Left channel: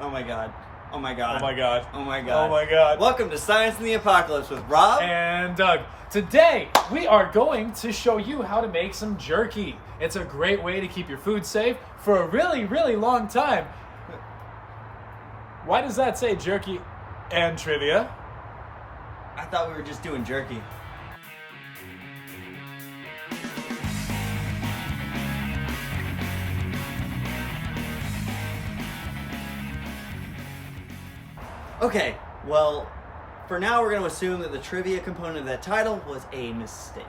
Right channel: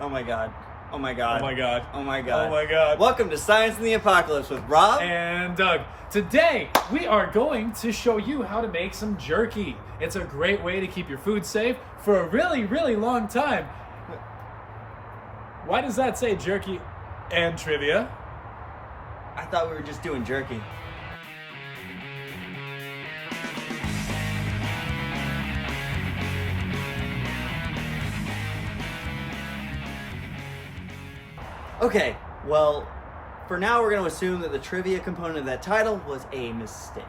Oh my god. Oh my god. Oh my god. Oh my god. Oh my god. Welcome to Science in the Apocalypse with Rob and Doug. Today, we are going to show you how to make some jerky. It's a great way to keep your food safe for a really, really long time. Why does that say jerky and trivia? I thought we were just doing jerky. Okay, well, for now we're going to assume that the trivia component of that title was a mistake.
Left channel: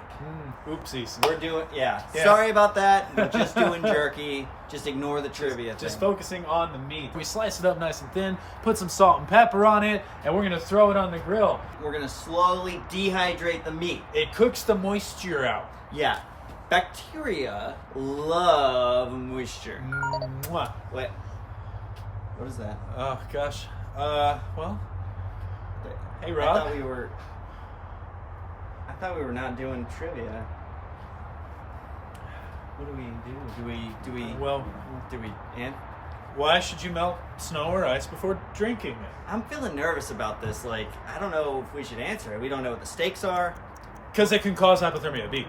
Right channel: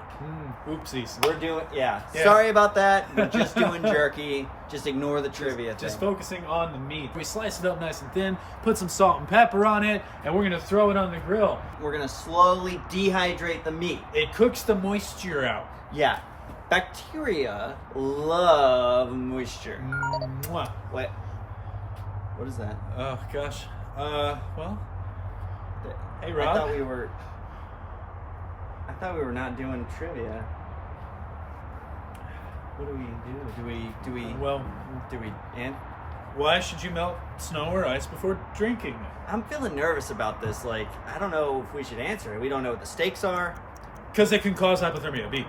Oopsies. We're doing, yeah. Sorry about that. We're just doing jerky. Just ignore the trivia thing. Just focusing on the meat. We slice it up nice and thin, put some salt and pepper on it, and we're going to throw it on the grill. We're going to slowly dehydrate the meat. It cooks the moisture out. Yeah. Bacteria love moisture. Mwah. Wait. What is that? Oh, gosh. Well. Hey, Rob. I thought we were not doing trivia. What do we do? And Why should you melt snow or ice before drinking it? I'm feeling nervous about this. Like, I don't know if we should answer it. We don't know what the stakes are. Because it can cause hypothermia. B.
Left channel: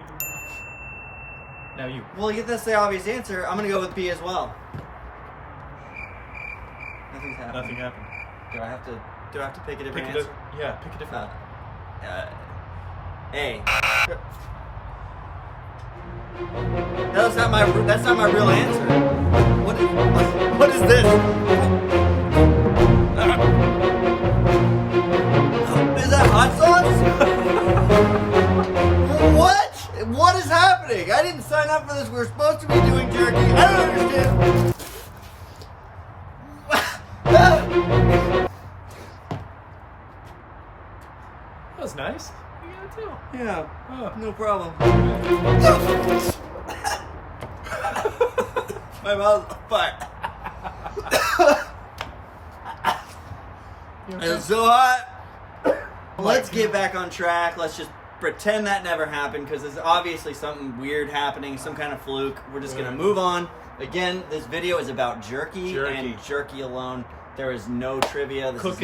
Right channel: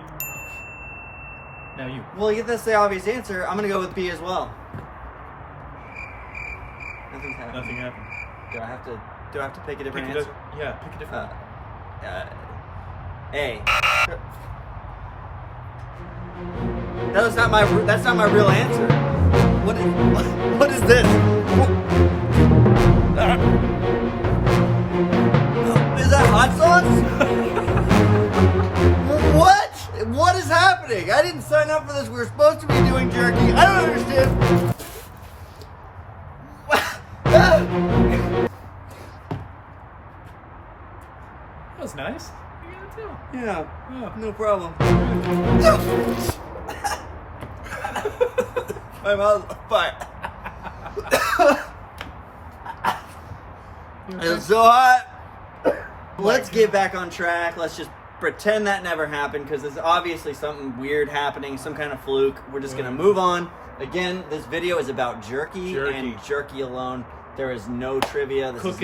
Now you. Well, that's the obvious answer. I'm gonna go with B as well. Nothing's happened. Nothing happened. Do I have to pick a different answer? Yeah, pick a different. A. That's not my real answer. What is this? Is that hot sauce? What is happening? I didn't sign up for this. We were supposed to be doing jerky. I don't understand. That was nice. Yeah, oh. No problem. My mouth's on fire. It's so hot. Let's get back on track. Let's just pretend that never happened because there's obviously something weird happening, some kind of fluke. We're just going to move on. Again, this video is about jerky and jerky alone. There is no trivia. This is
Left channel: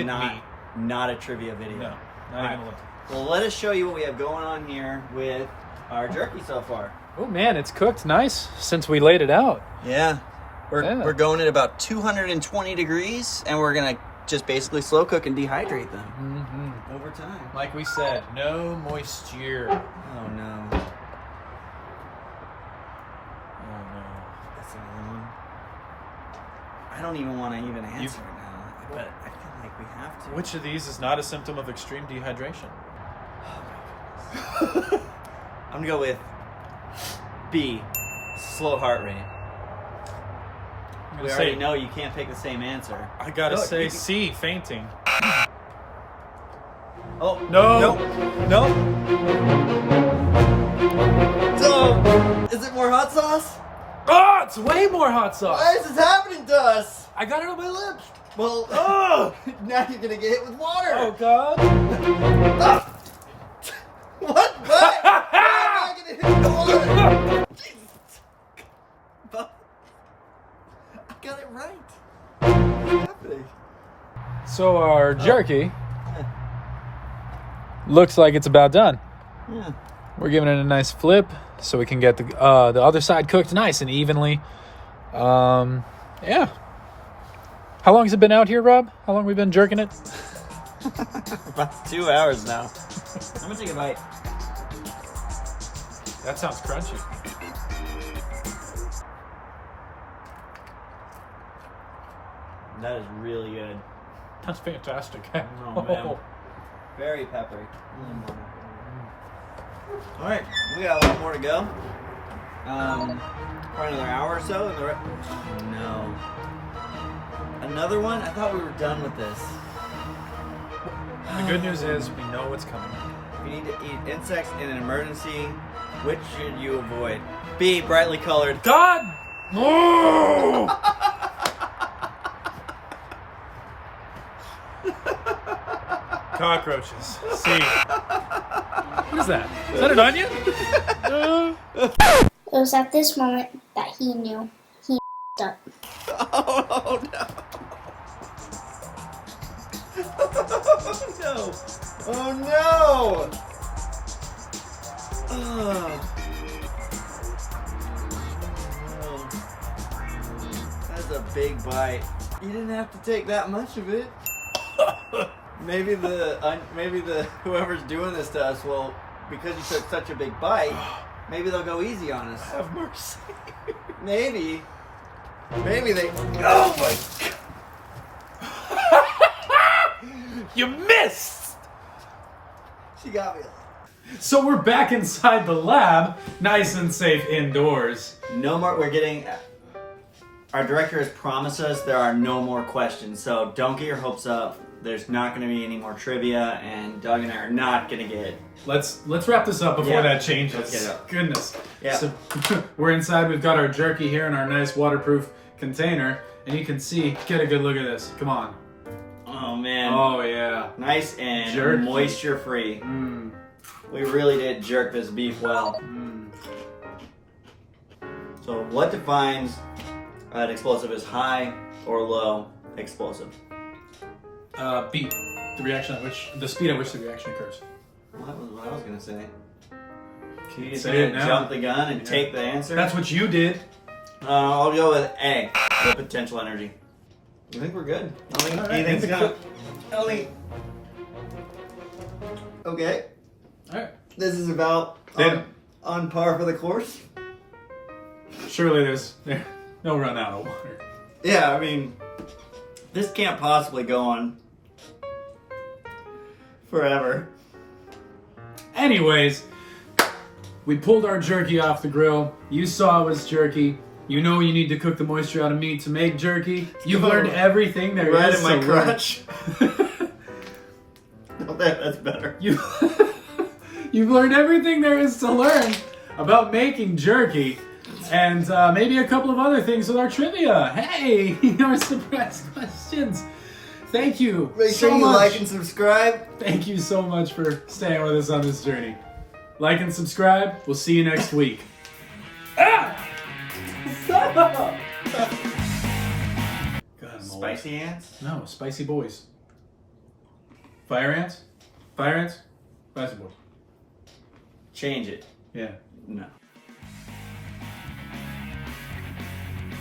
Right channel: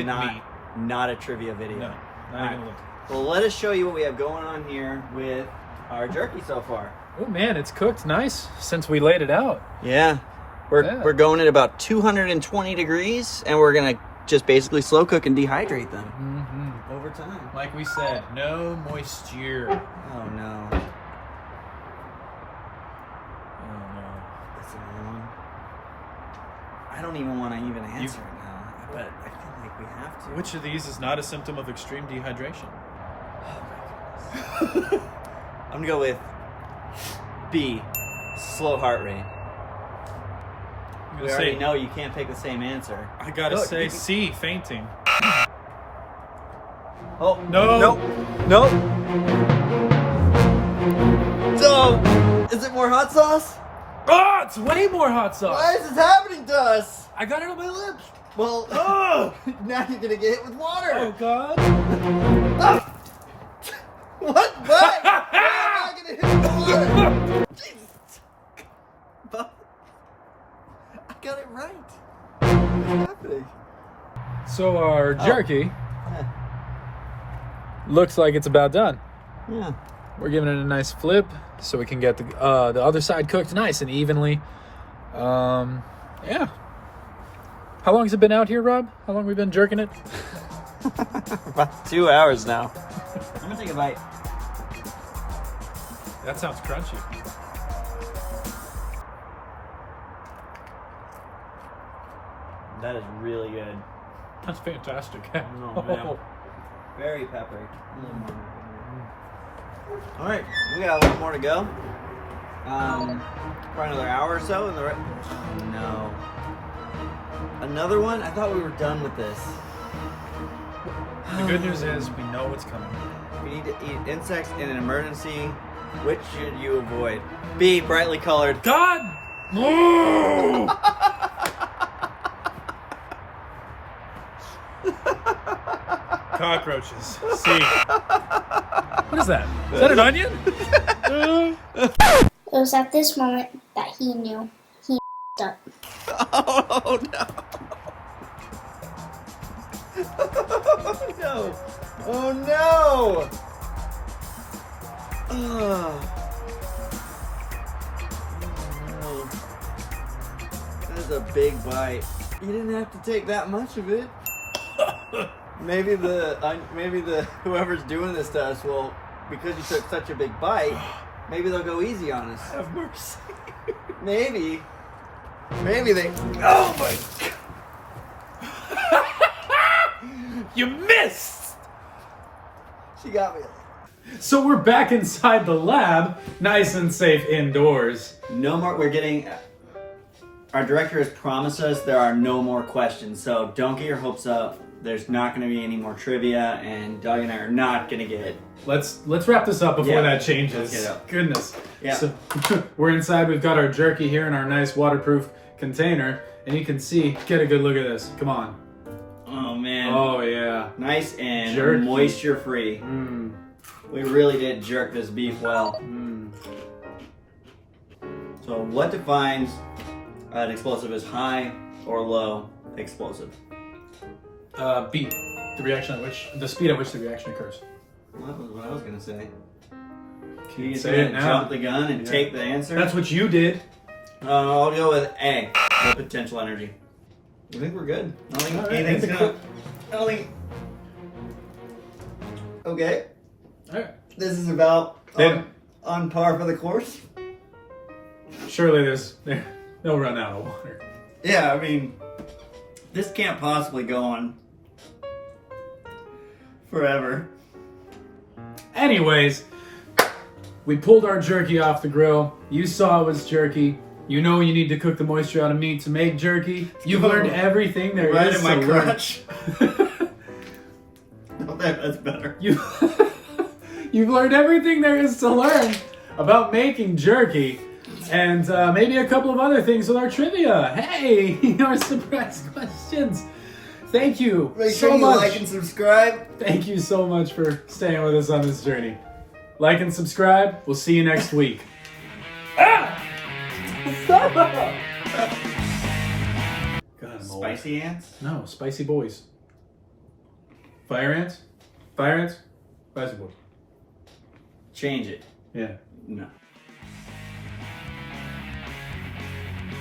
not a trivia video. No, not even a little. Well, let us show you what we have going on here with our jerky so far. Oh man, it's cooked nice since we laid it out. Yeah. We're going at about 220 degrees, and we're going to just basically slow cook and dehydrate them over time. Like we said, no moisture. Oh no. Oh no. That's another one. I don't even want to answer it now, but I feel like we have to. Which of these is not a symptom of extreme dehydration? Oh my goodness. I'm going to go with B, slow heart rate. We already know you can't pick the same answer. I gotta say C, fainting. Oh, no. No. So, is it more hot sauce? Oh, it's way more hot sauce. Why is this happening to us? I got it on my lips. Well, now you're going to get hit with water. Oh, God. What? Why? Why am I going to hit with water? Jesus. I got it right. What's happening? So our jerky looks like it's about done. Yeah. We're giving it a nice flip so we can get the other side cooked nice and evenly. Yeah. How long has it been out here, Rob? How long have we been jerking it? About 2 hours now. I'm going to take a bite. That sounds crunchy. That is really good. That's fantastic. Oh, man. Very peppery. All right, we got a lot more to go. Probably another hour or so. No. Another one? I thought we were done with this. The good news is we know what's coming. If you need to eat insects in an emergency, which should you avoid? B, brightly colored. God! Oh! Cockroaches. C. What is that? Is that an onion? It was at this moment that he knew he up. Oh no. No! Oh no! Oh. No. That's a big bite. You didn't have to take that much of it. Maybe the whoever's doing this to us will, because you took such a big bite, maybe they'll go easy on us. Have mercy. Maybe they. Oh my God! You missed! She got me. So we're back inside the lab, nice and safe indoors. No more. We're getting. Our director has promised us there are no more questions, so don't get your hopes up. There's not going to be any more trivia, and Doug and I are not going to get. Let's wrap this up before that changes. Let's get it up. Goodness. Yeah. So we're inside. We've got our jerky here in our nice waterproof container, and you can see. Get a good look at this. Come on. Oh man. Oh yeah. Nice and Jerky. moisture free. Mm. We really did jerk this beef well. Mm. So what defines an explosive as high or low explosive? Beat. The speed at which the reaction occurs. Well, that was what I was gonna say. Can you just say it gonna now? jump the gun and take the answer? That's what you did. I'll go with A. The potential energy. I think we're good. I don't think All right, anything's and the gonna. I don't think. Okay. All right. This is about Then- on par for the course. Surely they'll run out of water. Yeah, I mean, this can't possibly go on forever. Anyways, we pulled our jerky off the grill. You saw it was jerky. You know you need to cook the moisture out of meat to make jerky. You've learned everything there Right is in my to learn. crotch. That's better. You've learned everything there is to learn about making jerky, and maybe a couple of other things with our trivia. Hey, our surprise questions. Thank you Make so sure you much. like and subscribe. Thank you so much for staying with us on this journey. Like and subscribe. We'll see you next week. Ah! God, I'm old. Spicy ants? No, spicy boys. Fire ants? Fire ants? Spicy boys. Change it. Yeah. No.